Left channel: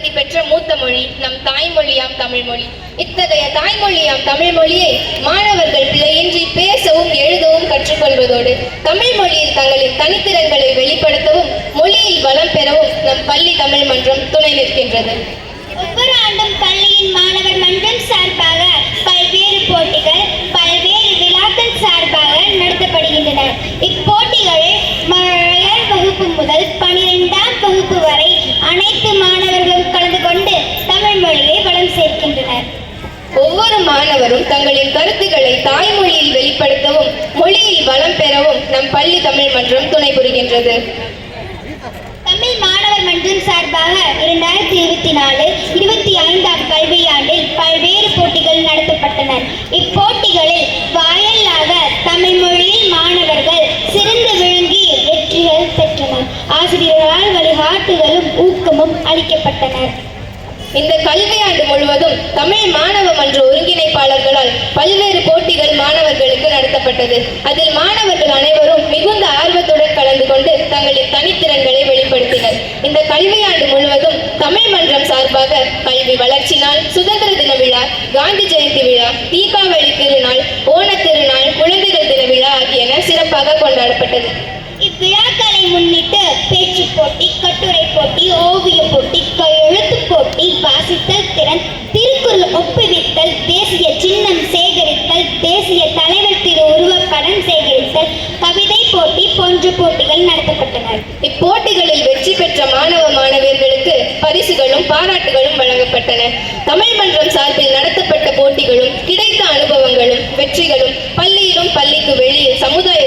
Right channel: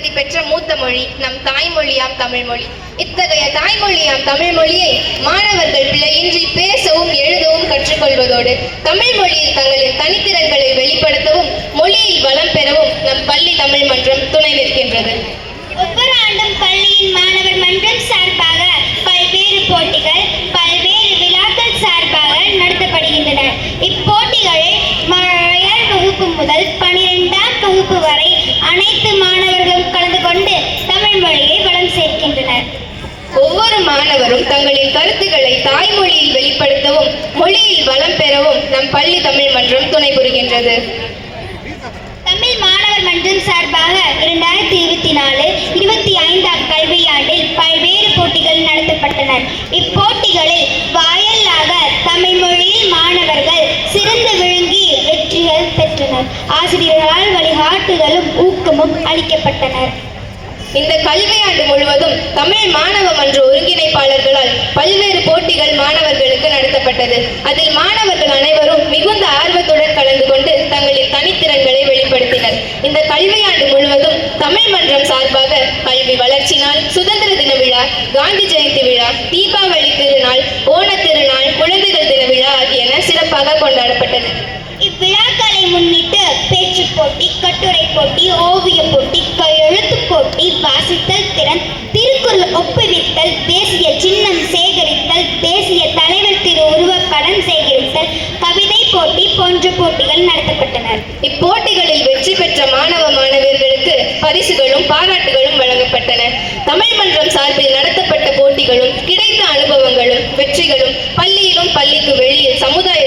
தகுதி பெற்ற மூத்த மொழி நம் தாய்மொழியாம் தமிழ்மொழி. இத்தகைய தாய்மொழியாம் தமிழ்மொழியை மாணவர்கள் பிழையின்றி பேசவும் எழுதவும் கற்றுக்கொள்வதோடு தமிழ் மொழியில் தங்களின் தனித்திறன்களை வெளிப்படுத்தவும் மொழியில் வளம் பெறவும் நம் பள்ளி தமிழ் மன்றம் துணை நிற்கின்றது. ஒவ்வொரு ஆண்டும் பள்ளியின் மாணவர் மன்றம் சார்பாக பல்வேறு போட்டிகள், பல்வேறு விழாக்கள் சார்பாக நடத்தப்படுகின்றன. இப்போட்டிகளை முதல் வகுப்பு முதல் 12ஆம் வகுப்பு வரை அனைத்து மாணவர்களும் கலந்து கொண்டு தமிழ் மொழியை வளம் சேர்க்கின்றனர். ஒவ்வொரு மாணவரும் தங்களின் கருத்துக்களை தாய்மொழியில் வெளிப்படுத்தவும் மொழியில் வளம் பெறவும் நம் பள்ளி தமிழ் மன்றம் துணை புரிகின்றது. தமிழ் மாணவர் மன்றம் சார்பாக 2024-25ஆம் கல்வியாண்டில் பல்வேறு போட்டிகள் நடத்தப்பட்டன. இப்போட்டிகளில் வாயிலாக தமிழ் மொழியில் மாணவர்கள் சிறந்து விளங்கி வெற்றிகள் பெற்றனர். ஆசிரியர்களால் வழிகாட்டுதலும் ஊக்கமும் அளிக்கப்பட்டனர். இந்த கல்வியாண்டு முழுவதும் தமிழ் மாணவ மன்ற ஒருங்கிணைப்பாளர்களால் பல்வேறு போட்டிகள் மாணவர்களுக்கு நடத்தப்பட்டது. அதில் மாணவர்கள் அனைவரும் மிகுந்த ஆர்வத்துடன் கலந்து கொண்டு தங்களின் தனித்திறன்களை வெளிப்படுத்தினர். இந்த கல்வியாண்டு முழுவதும் தமிழ் மன்றம் சார்பாக கல்வி வளர்ச்சி நாள், சுதந்திர தின விழா, காந்தி ஜெயந்தி விழா, தீபாவளி திருநாள், ஓணத் திருநாள், குழந்தைகள் தின விழா ஆகியன சிறப்பாக கொண்டாடப்பட்டது. இவ்விழாக்களை முன்னிட்டு பேச்சு போட்டி, கட்டுரை போட்டி, ஓவிய போட்டி, எழுத்து போட்டி, வாசித்தல் திறன், திருக்குறள் ஒப்புவித்தல், தேசிய சின்னம் சேகரித்தல், தேசிய தலைவர் திரு உருவப்படம் சேகரித்தல், கவிதை போட்டி போன்ற போட்டிகள் நடத்தப்பட்டன. இப்போட்டிகளில் வெற்றி பெற்ற மாணவ மாணவியர்களுக்கு பரிசுகளும் பாராட்டுகளும் வழங்கப்பட்டன. தமிழ் மன்றம் சார்பில் நடத்தப்பட்ட போட்டிகளும் கிடைத்த அனுபவங்களும் வெற்றிகளும் பள்ளியிலும் பள்ளிக்கு வெளியே சமுதாய